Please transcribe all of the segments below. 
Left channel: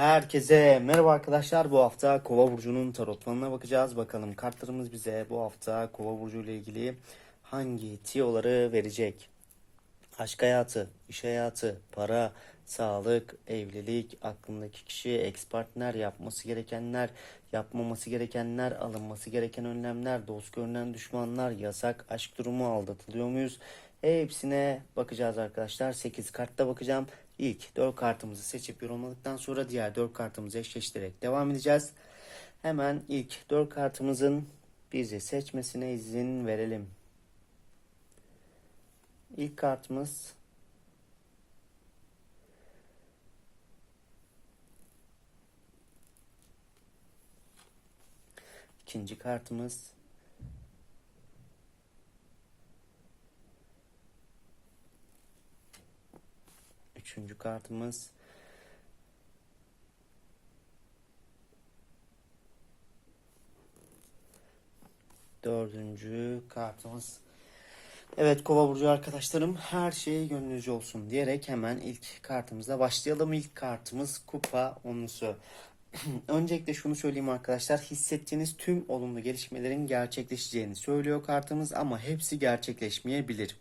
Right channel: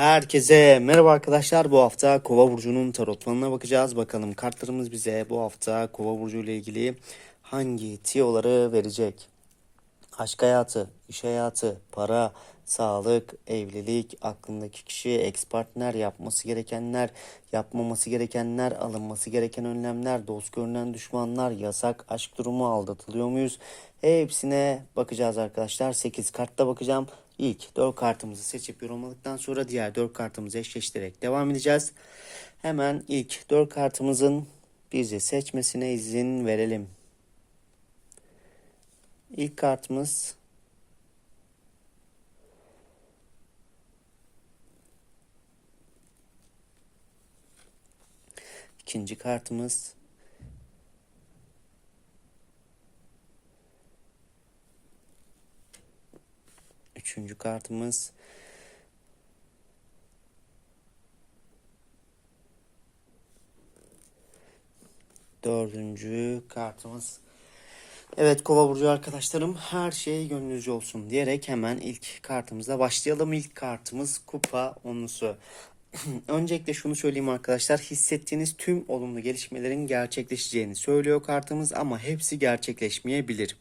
Herkese merhaba arkadaşlar. Bu hafta Kova burcunun tarot falına bakacağız. Bakalım kartlarımız bize bu hafta Kova burcu ile ilgili hangi tiyoları verecek? Aşk hayatı, iş hayatı, para, sağlık, evlilik, aklındaki kişi, ex partner, yapması gerekenler, yapmaması gerekenler, alınması gereken önlemler, dost görünen düşmanlar, yasak aşk durumu, aldatılıyor muyuz? Hepsine bakacağız arkadaşlar. 8 kartta bakacağım. İlk 4 kartımızı seçip yorumladıktan sonra diğer 4 kartımızı eşleştirerek devam edeceğiz. Hemen ilk 4 kartımızın bizi seçmesine izin verelim. İlk kartımız ikinci kartımız kartımız dördüncü kartımız Evet Kova burcu arkadaşlarım her şey gönlünüzce olsun diyerek hemen ilk kartımıza başlayalım. İlk kartımız kupa onlusu. Öncelikle şunu söyleyeyim arkadaşlar. Hissettiğiniz tüm olumlu gelişmelerin gerçekleşeceğini söylüyor kartımız ama hepsi gerçekleşmeyebilir.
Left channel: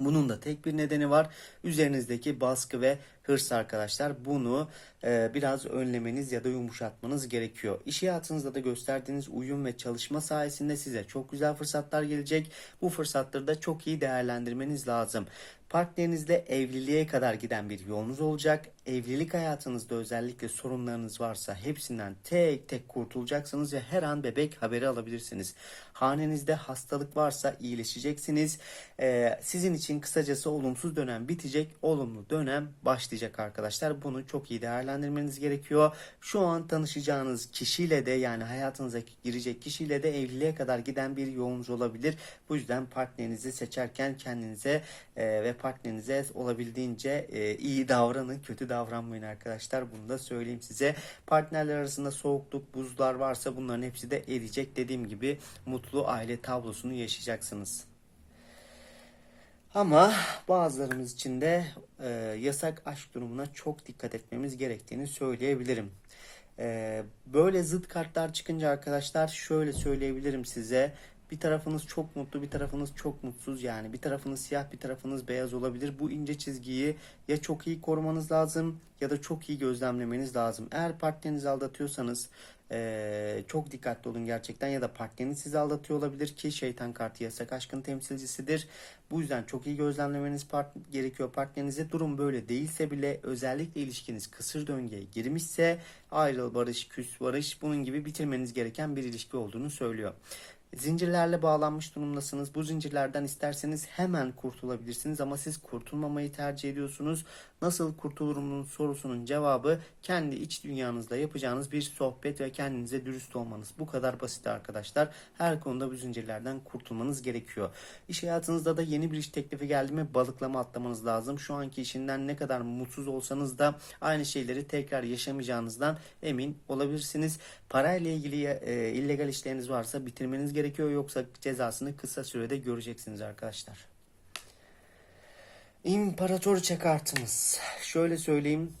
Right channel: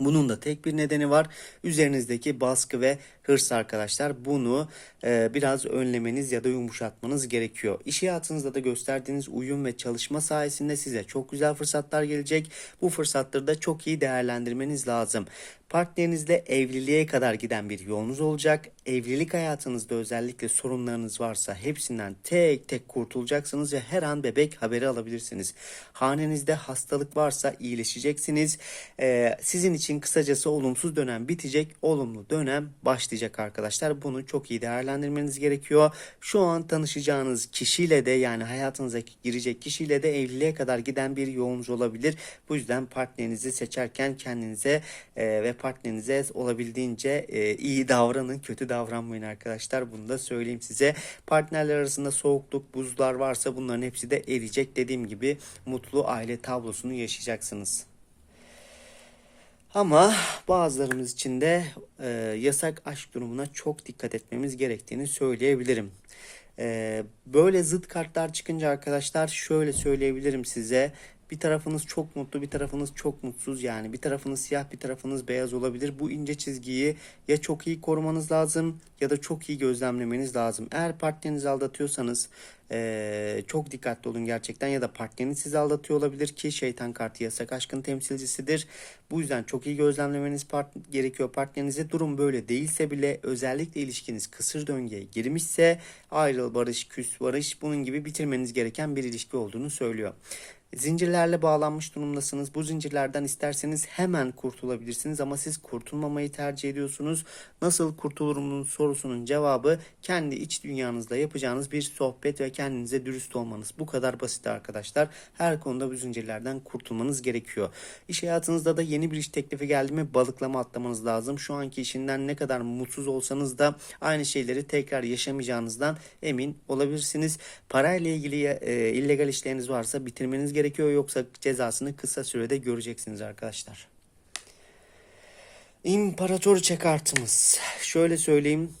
Bunun da tek bir nedeni var. Üzerinizdeki baskı ve hırs arkadaşlar. Bunu e, biraz önlemeniz ya da yumuşatmanız gerekiyor. İş hayatınızda da gösterdiğiniz uyum ve çalışma sayesinde size çok güzel fırsatlar gelecek. Bu fırsatları da çok iyi değerlendirmeniz lazım. Partnerinizle evliliğe kadar giden bir yolunuz olacak. Evlilik hayatınızda özellikle sorunlarınız varsa hepsinden tek tek kurtulacaksınız ve her an bebek haberi alabilirsiniz. Hanenizde hastalık varsa iyileşeceksiniz. Ee, sizin için kısacası olumsuz dönem bitecek, olumlu dönem başlayacak arkadaşlar. Bunu çok iyi değerlendirmeniz gerekiyor. Şu an tanışacağınız kişiyle de yani hayatınıza girecek kişiyle de evliliğe kadar giden bir yolunuz olabilir. Bu yüzden partnerinizi seçerken kendinize e, ve partnerinize olabildiğince e, iyi davranın, kötü davranmayın arkadaşlar. Bunu da söyleyeyim size. Partnerler arasında soğukluk, buzlar varsa bunların hepsi de eriyecek. Dediğim gibi mutlu aile tablosunu yaşayacaksınız. Ama bazılarımız için de e, yasak aşk durumuna çok dikkat etmemiz gerektiğini söyleyebilirim. E, böyle zıt kartlar çıkınca arkadaşlar şöyle söyleyebilirim size. Bir tarafınız çok mutlu, bir tarafınız çok mutsuz yani. Bir tarafınız siyah, bir tarafınız beyaz olabilir. Bu ince çizgiyi ya çok iyi korumanız lazım ya da çok iyi gözlemlemeniz lazım. Eğer partnerinizi aldatıyorsanız ee, çok dikkatli olun gerçekten ya da partneriniz sizi aldatıyor olabilir ki şeytan kartı yasak aşkın temsilcisidir. Bu yüzden çok iyi gözlemlemeniz part gerekiyor partnerinize. Durum böyle değilse bile özellikle ilişkiniz kısır döngüye girmişse ayrıl barış küs barış bunun gibi bitirmeniz gereken bir ilişki olduğunu söylüyor. Zincirlerle bağlanmış durumdasınız. Bu zincirlerden isterseniz hemen kurtulabilirsiniz ama siz kurtulmamayı tercih ediyorsunuz. Nasıl kurtulurumun sorusunun cevabı kendi iç dünyanızda yapacağınız bir sohbet ve kendinize dürüst olmanız. Bu kadar basit arkadaşlar. Her konuda bu zincirlerden kurtulmanız gerekiyor. İş hayatınızda da yeni bir iş teklifi geldi mi balıklama atlamanız lazım. Şu anki işinden ne kadar mutsuz olsanız da aynı şeyleri tekrar yaşamayacağınızdan emin olabilirsiniz. Parayla ilgili e, illegal işleriniz varsa bitirmeniz gerekiyor yoksa cezasını kısa sürede göreceksiniz arkadaşlar. İmparatoriçe kartımız. Şöyle söyleyeyim.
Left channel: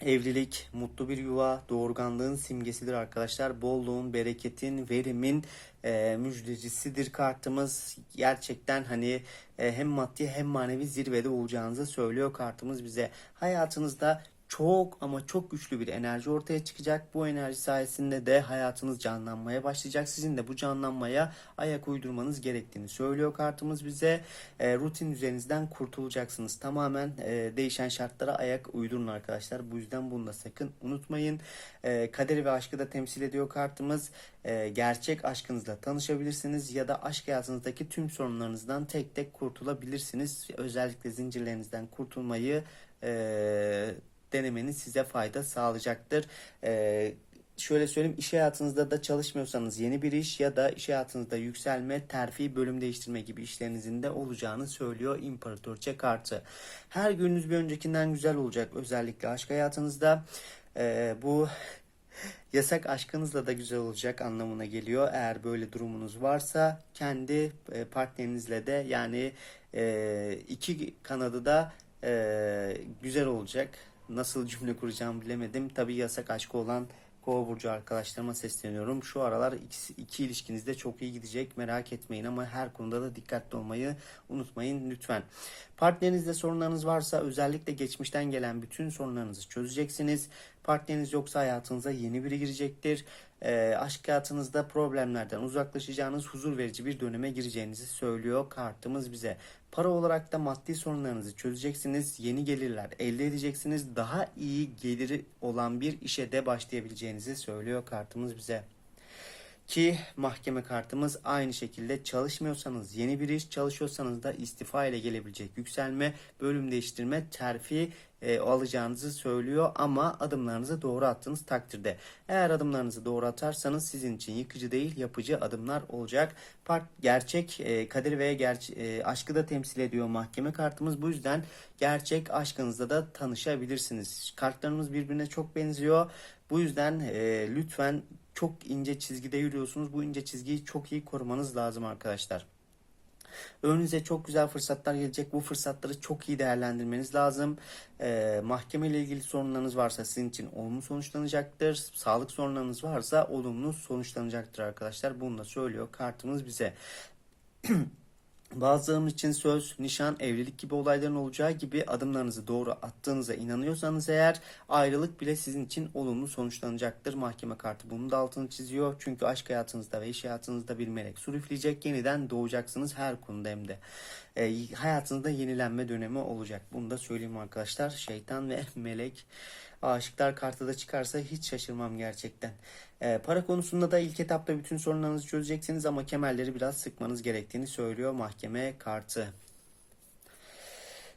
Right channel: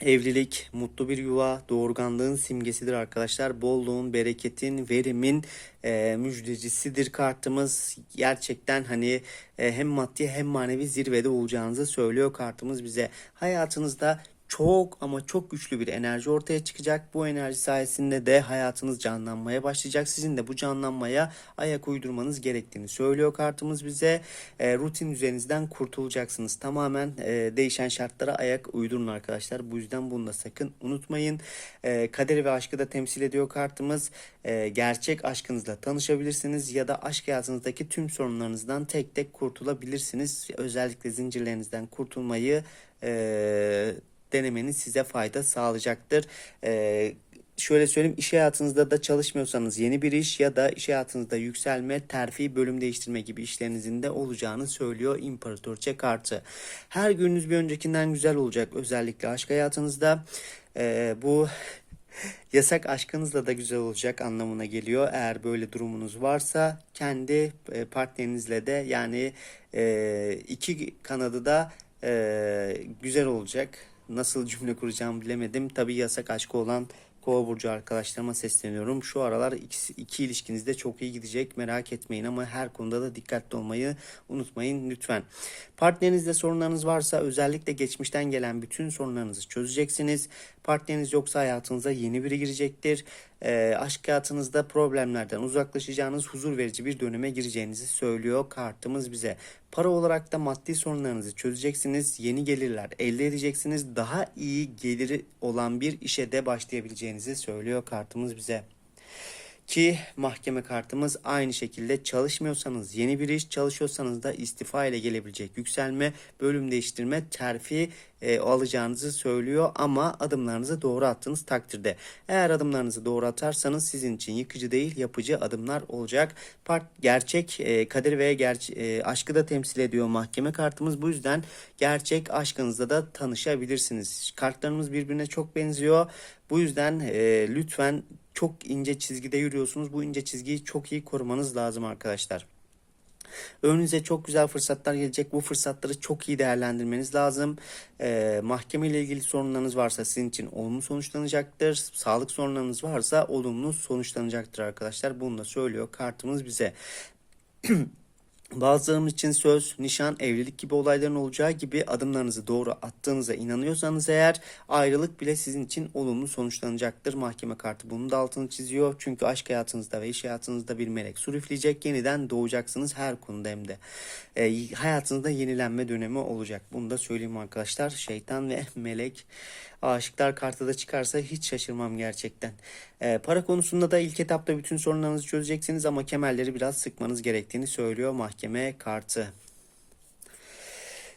Evlilik, mutlu bir yuva, doğurganlığın simgesidir arkadaşlar. Bolluğun, bereketin, verimin e, müjdecisidir kartımız. Gerçekten hani e, hem maddi hem manevi zirvede olacağınızı söylüyor kartımız bize. Hayatınızda çok ama çok güçlü bir enerji ortaya çıkacak. Bu enerji sayesinde de hayatınız canlanmaya başlayacak. Sizin de bu canlanmaya ayak uydurmanız gerektiğini söylüyor kartımız bize. E, rutin üzerinizden kurtulacaksınız. Tamamen e, değişen şartlara ayak uydurun arkadaşlar. Bu yüzden bunu da sakın unutmayın. E, kaderi ve aşkı da temsil ediyor kartımız. E, gerçek aşkınızla tanışabilirsiniz ya da aşk hayatınızdaki tüm sorunlarınızdan tek tek kurtulabilirsiniz. Özellikle zincirlerinizden kurtulmayı e, denemeniz size fayda sağlayacaktır. Ee, şöyle söyleyeyim iş hayatınızda da çalışmıyorsanız yeni bir iş ya da iş hayatınızda yükselme, terfi, bölüm değiştirme gibi işlerinizin de olacağını söylüyor İmparatorça kartı. Her gününüz bir öncekinden güzel olacak özellikle aşk hayatınızda. Ee, bu yasak aşkınızla da güzel olacak anlamına geliyor. Eğer böyle durumunuz varsa kendi e, partnerinizle de yani e, iki kanadı da e, güzel olacak nasıl cümle kuracağımı bilemedim. Tabii yasak aşkı olan Kova burcu arkadaşlarıma sesleniyorum. Şu aralar iki, iki ilişkinizde çok iyi gidecek merak etmeyin ama her konuda da dikkatli olmayı unutmayın lütfen. Partnerinizde sorunlarınız varsa özellikle geçmişten gelen bütün sorunlarınızı çözeceksiniz. Partneriniz yoksa hayatınıza yeni biri girecektir. E, aşk hayatınızda problemlerden uzaklaşacağınız huzur verici bir döneme gireceğinizi söylüyor kartımız bize. Para olarak da maddi sorunlarınızı çözeceksiniz. Yeni gelirler elde edeceksiniz. Daha iyi geliri olan bir işe de başlayabileceğinizi söylüyor kartımız bize. Ki mahkeme kartımız aynı şekilde çalışmıyorsanız yeni bir iş çalışıyorsanız da istifa ile gelebilecek yükselme, bölüm değiştirme, terfi e, alacağınızı söylüyor ama adımlarınızı doğru attığınız takdirde. Eğer adımlarınızı doğru atarsanız sizin için yıkıcı değil yapıcı adımlar olacak. Part, gerçek e, kader ve gerçek e, aşkı da temsil ediyor mahkeme kartımız. Bu yüzden gerçek aşkınızla da tanışabilirsiniz. Kartlarımız birbirine çok benziyor. Bu yüzden e, lütfen çok ince çizgide yürüyorsunuz. Bu ince çizgiyi çok iyi korumanız lazım arkadaşlar. Önünüze çok güzel fırsatlar gelecek. Bu fırsatları çok iyi değerlendirmeniz lazım. Ee, mahkeme ile ilgili sorunlarınız varsa sizin için olumlu sonuçlanacaktır. Sağlık sorunlarınız varsa olumlu sonuçlanacaktır arkadaşlar. Bunu da söylüyor kartımız bize. Bazılarımız için söz, nişan, evlilik gibi olayların olacağı gibi adımlarınızı doğru attığınıza inanıyorsanız eğer ayrılık bile sizin için olumlu sonuçlanacaktır. Mahkeme kartı bunun da altını çiziyor. Çünkü aşk hayatınızda ve iş hayatınızda bir melek sürüfleyecek. Yeniden doğacaksınız her konuda hem de. E, hayatınızda yenilenme dönemi olacak. Bunu da söyleyeyim arkadaşlar. Şeytan ve melek aşıklar kartı da çıkarsa hiç şaşırmam gerçekten. E, para konusunda da ilk etapta bütün sorunlarınızı çözeceksiniz ama kemerleri biraz sıkmanız gerektiğini söylüyor mahkeme kartı.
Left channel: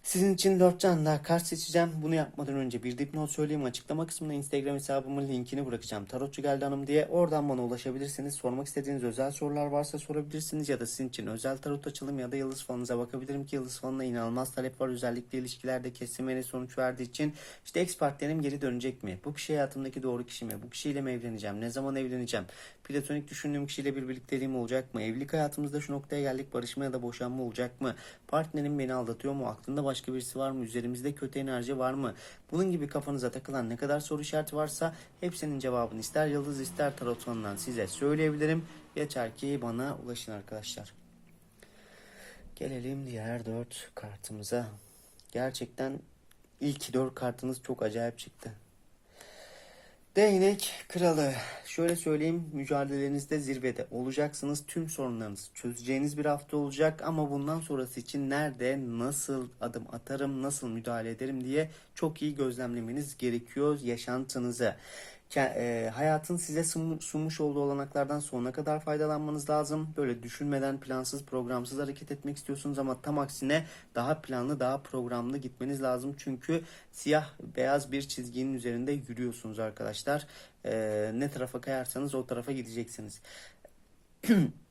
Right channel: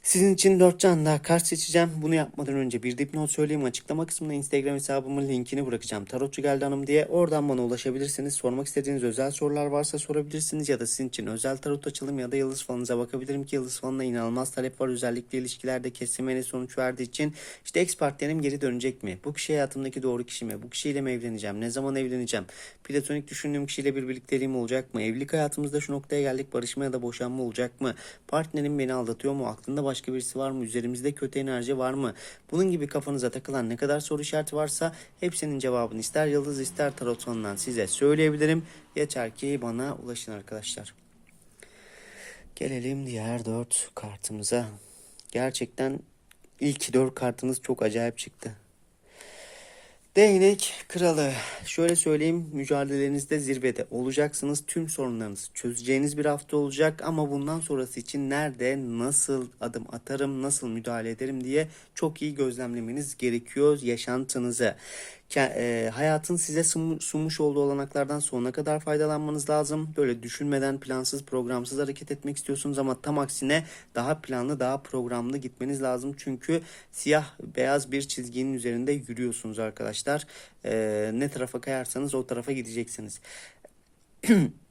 Sizin için 4 can daha kart seçeceğim. Bunu yapmadan önce bir dipnot söyleyeyim. Açıklama kısmına Instagram hesabımın linkini bırakacağım. Tarotçu geldi hanım diye. Oradan bana ulaşabilirsiniz. Sormak istediğiniz özel sorular varsa sorabilirsiniz. Ya da sizin için özel tarot açılım ya da yıldız falınıza bakabilirim ki yıldız falına inanılmaz talep var. Özellikle ilişkilerde kesimene sonuç verdiği için. işte ex partnerim geri dönecek mi? Bu kişi hayatımdaki doğru kişi mi? Bu kişiyle mi evleneceğim? Ne zaman evleneceğim? Platonik düşündüğüm kişiyle bir birlikteliğim olacak mı? Evlilik hayatımızda şu noktaya geldik. Barışma ya da boşanma olacak mı? Partnerim beni aldatıyor mu? Aklında başka birisi var mı? Üzerimizde kötü enerji var mı? Bunun gibi kafanıza takılan ne kadar soru işareti varsa hepsinin cevabını ister yıldız ister tarot sonundan size söyleyebilirim. Yeter ki bana ulaşın arkadaşlar. Gelelim diğer dört kartımıza. Gerçekten ilk dört kartınız çok acayip çıktı. Değnek kralı. Şöyle söyleyeyim mücadelenizde zirvede olacaksınız. Tüm sorunlarınızı çözeceğiniz bir hafta olacak ama bundan sonrası için nerede, nasıl adım atarım, nasıl müdahale ederim diye çok iyi gözlemlemeniz gerekiyor yaşantınızı. E, hayatın size sunmuş olduğu olanaklardan sonuna kadar faydalanmanız lazım. Böyle düşünmeden plansız programsız hareket etmek istiyorsunuz ama tam aksine daha planlı daha programlı gitmeniz lazım. Çünkü siyah beyaz bir çizginin üzerinde yürüyorsunuz arkadaşlar. E, ne tarafa kayarsanız o tarafa gideceksiniz.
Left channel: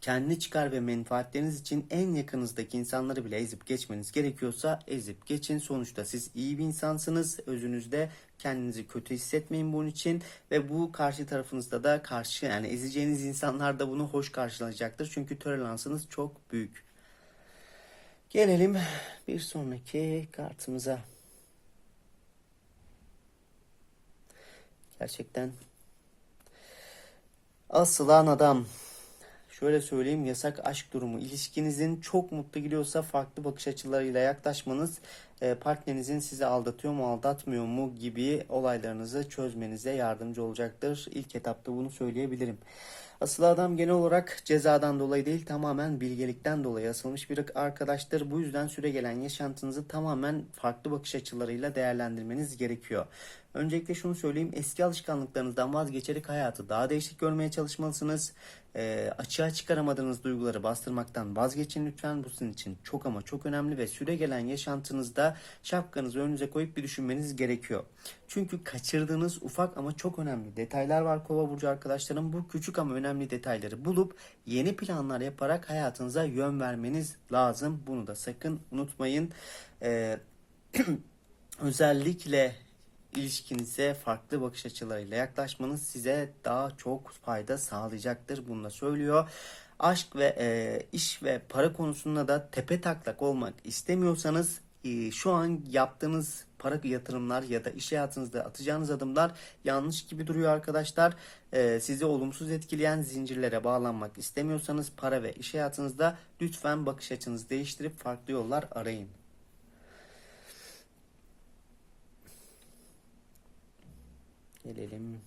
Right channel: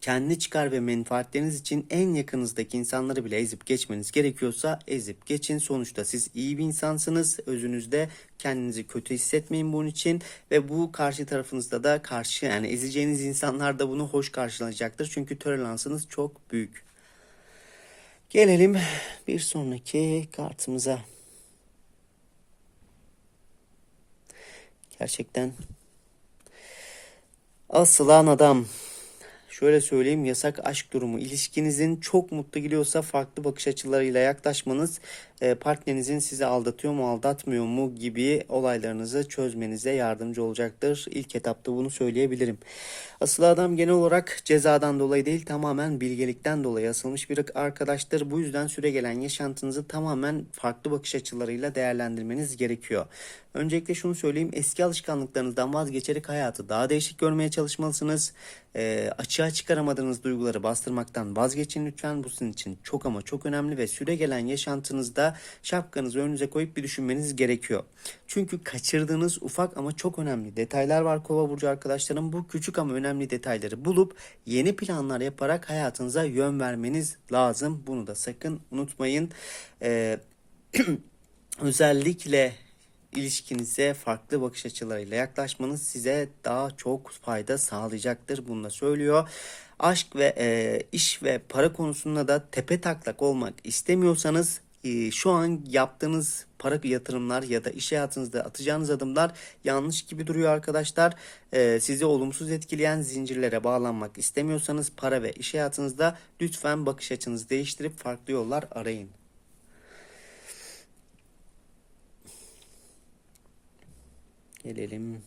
kendi çıkar ve menfaatleriniz için en yakınızdaki insanları bile ezip geçmeniz gerekiyorsa ezip geçin. Sonuçta siz iyi bir insansınız. Özünüzde kendinizi kötü hissetmeyin bunun için ve bu karşı tarafınızda da karşı yani ezeceğiniz insanlar da bunu hoş karşılayacaktır. Çünkü toleransınız çok büyük. Gelelim bir sonraki kartımıza. Gerçekten asılan adam şöyle söyleyeyim yasak aşk durumu. İlişkinizin çok mutlu gidiyorsa farklı bakış açılarıyla yaklaşmanız partnerinizin sizi aldatıyor mu aldatmıyor mu gibi olaylarınızı çözmenize yardımcı olacaktır. İlk etapta bunu söyleyebilirim. Asıl adam genel olarak cezadan dolayı değil tamamen bilgelikten dolayı asılmış bir arkadaştır. Bu yüzden süre gelen yaşantınızı tamamen farklı bakış açılarıyla değerlendirmeniz gerekiyor. Öncelikle şunu söyleyeyim eski alışkanlıklarınızdan vazgeçerek hayatı daha değişik görmeye çalışmalısınız. E, açığa çıkaramadığınız duyguları bastırmaktan vazgeçin lütfen. Bu sizin için çok ama çok önemli ve süre gelen yaşantınızda şapkanızı önünüze koyup bir düşünmeniz gerekiyor. Çünkü kaçırdığınız ufak ama çok önemli detaylar var Kova burcu arkadaşlarım. Bu küçük ama önemli detayları bulup yeni planlar yaparak hayatınıza yön vermeniz lazım. Bunu da sakın unutmayın. Ee, özellikle ilişkinize farklı bakış açılarıyla yaklaşmanız size daha çok fayda sağlayacaktır. Bunu da söylüyor. Aşk ve e, iş ve para konusunda da tepe taklak olmak istemiyorsanız e, şu an yaptığınız para yatırımlar ya da iş hayatınızda atacağınız adımlar yanlış gibi duruyor arkadaşlar. E, sizi olumsuz etkileyen zincirlere bağlanmak istemiyorsanız para ve iş hayatınızda lütfen bakış açınızı değiştirip farklı yollar arayın. Gelelim.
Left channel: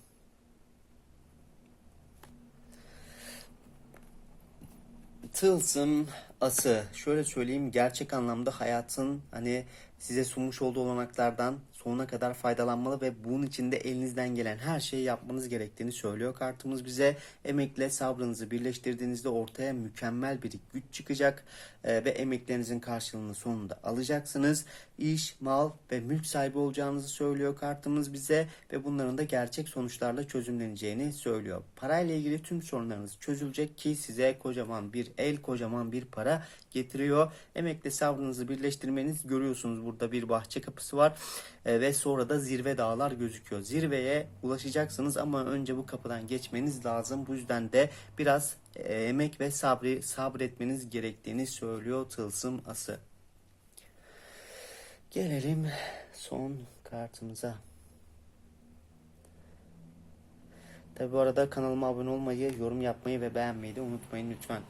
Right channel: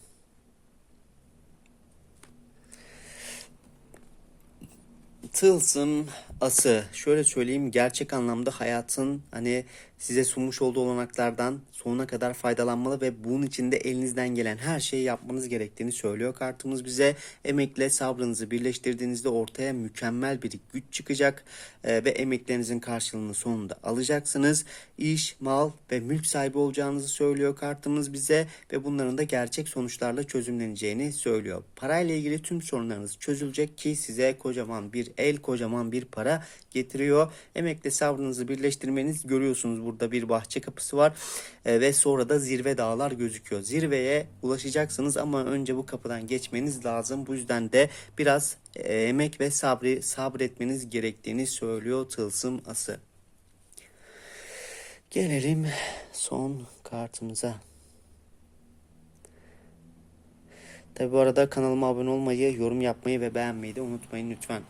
Tılsım ası. Şöyle söyleyeyim gerçek anlamda hayatın hani size sunmuş olduğu olanaklardan sonuna kadar faydalanmalı ve bunun için de elinizden gelen her şeyi yapmanız gerektiğini söylüyor kartımız bize. Emekle sabrınızı birleştirdiğinizde ortaya mükemmel bir güç çıkacak e, ve emeklerinizin karşılığını sonunda alacaksınız. İş, mal ve mülk sahibi olacağınızı söylüyor kartımız bize ve bunların da gerçek sonuçlarla çözümleneceğini söylüyor. Parayla ilgili tüm sorunlarınız çözülecek ki size kocaman bir el, kocaman bir para getiriyor. Emekle sabrınızı birleştirmeniz görüyorsunuz burada bir bahçe kapısı var E, ve sonra da zirve dağlar gözüküyor. Zirveye ulaşacaksınız ama önce bu kapıdan geçmeniz lazım. Bu yüzden de biraz e, emek ve sabri sabretmeniz gerektiğini söylüyor tılsım ası. Gelelim son kartımıza. Tabi bu arada kanalıma abone olmayı, yorum yapmayı ve beğenmeyi de unutmayın lütfen.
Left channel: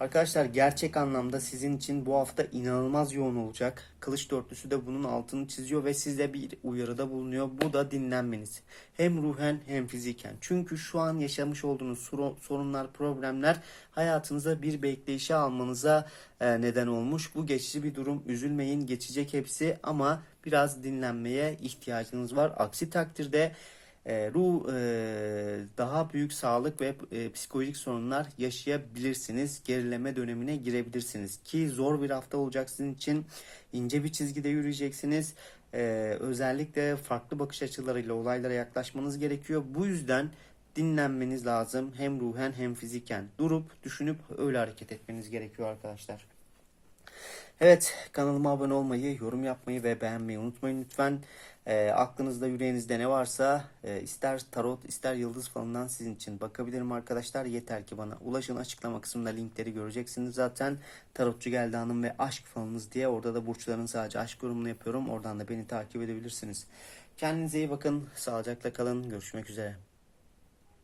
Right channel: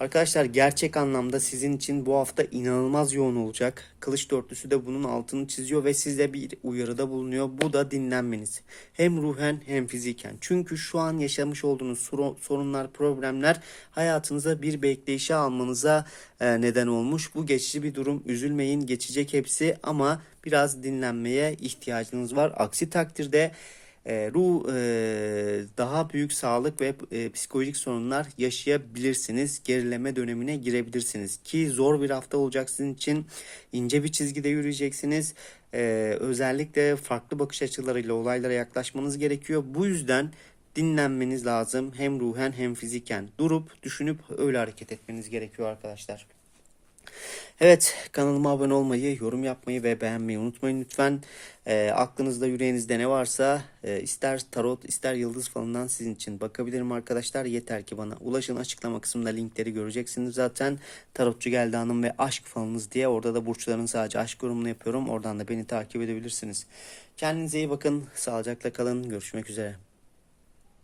Arkadaşlar gerçek anlamda sizin için bu hafta inanılmaz yoğun olacak. Kılıç dörtlüsü de bunun altını çiziyor ve size bir uyarıda bulunuyor. Bu da dinlenmeniz. Hem ruhen hem fiziken. Çünkü şu an yaşamış olduğunuz sorunlar, problemler hayatınıza bir bekleyişe almanıza e, neden olmuş. Bu geçici bir durum. Üzülmeyin, geçecek hepsi ama biraz dinlenmeye ihtiyacınız var. Aksi takdirde e, ruh e, daha büyük sağlık ve e, psikolojik sorunlar yaşayabilirsiniz. Gerileme dönemine girebilirsiniz ki zor bir hafta olacak sizin için. ince bir çizgide yürüyeceksiniz. E, özellikle farklı bakış açılarıyla olaylara yaklaşmanız gerekiyor. Bu yüzden dinlenmeniz lazım. Hem ruhen hem fiziken. Durup düşünüp öyle hareket etmeniz gerekiyor arkadaşlar. Evet kanalıma abone olmayı, yorum yapmayı ve beğenmeyi unutmayın lütfen. E, aklınızda yüreğinizde ne varsa e, ister tarot ister yıldız falından sizin için bakabilirim arkadaşlar. Yeter ki bana ulaşın açıklama kısmında linkleri göreceksiniz zaten. Tarotçu geldi hanım ve aşk falınız diye orada da burçların sadece aşk yorumunu yapıyorum. Oradan da beni takip edebilirsiniz. Kendinize iyi bakın. Sağlıcakla kalın. Görüşmek üzere.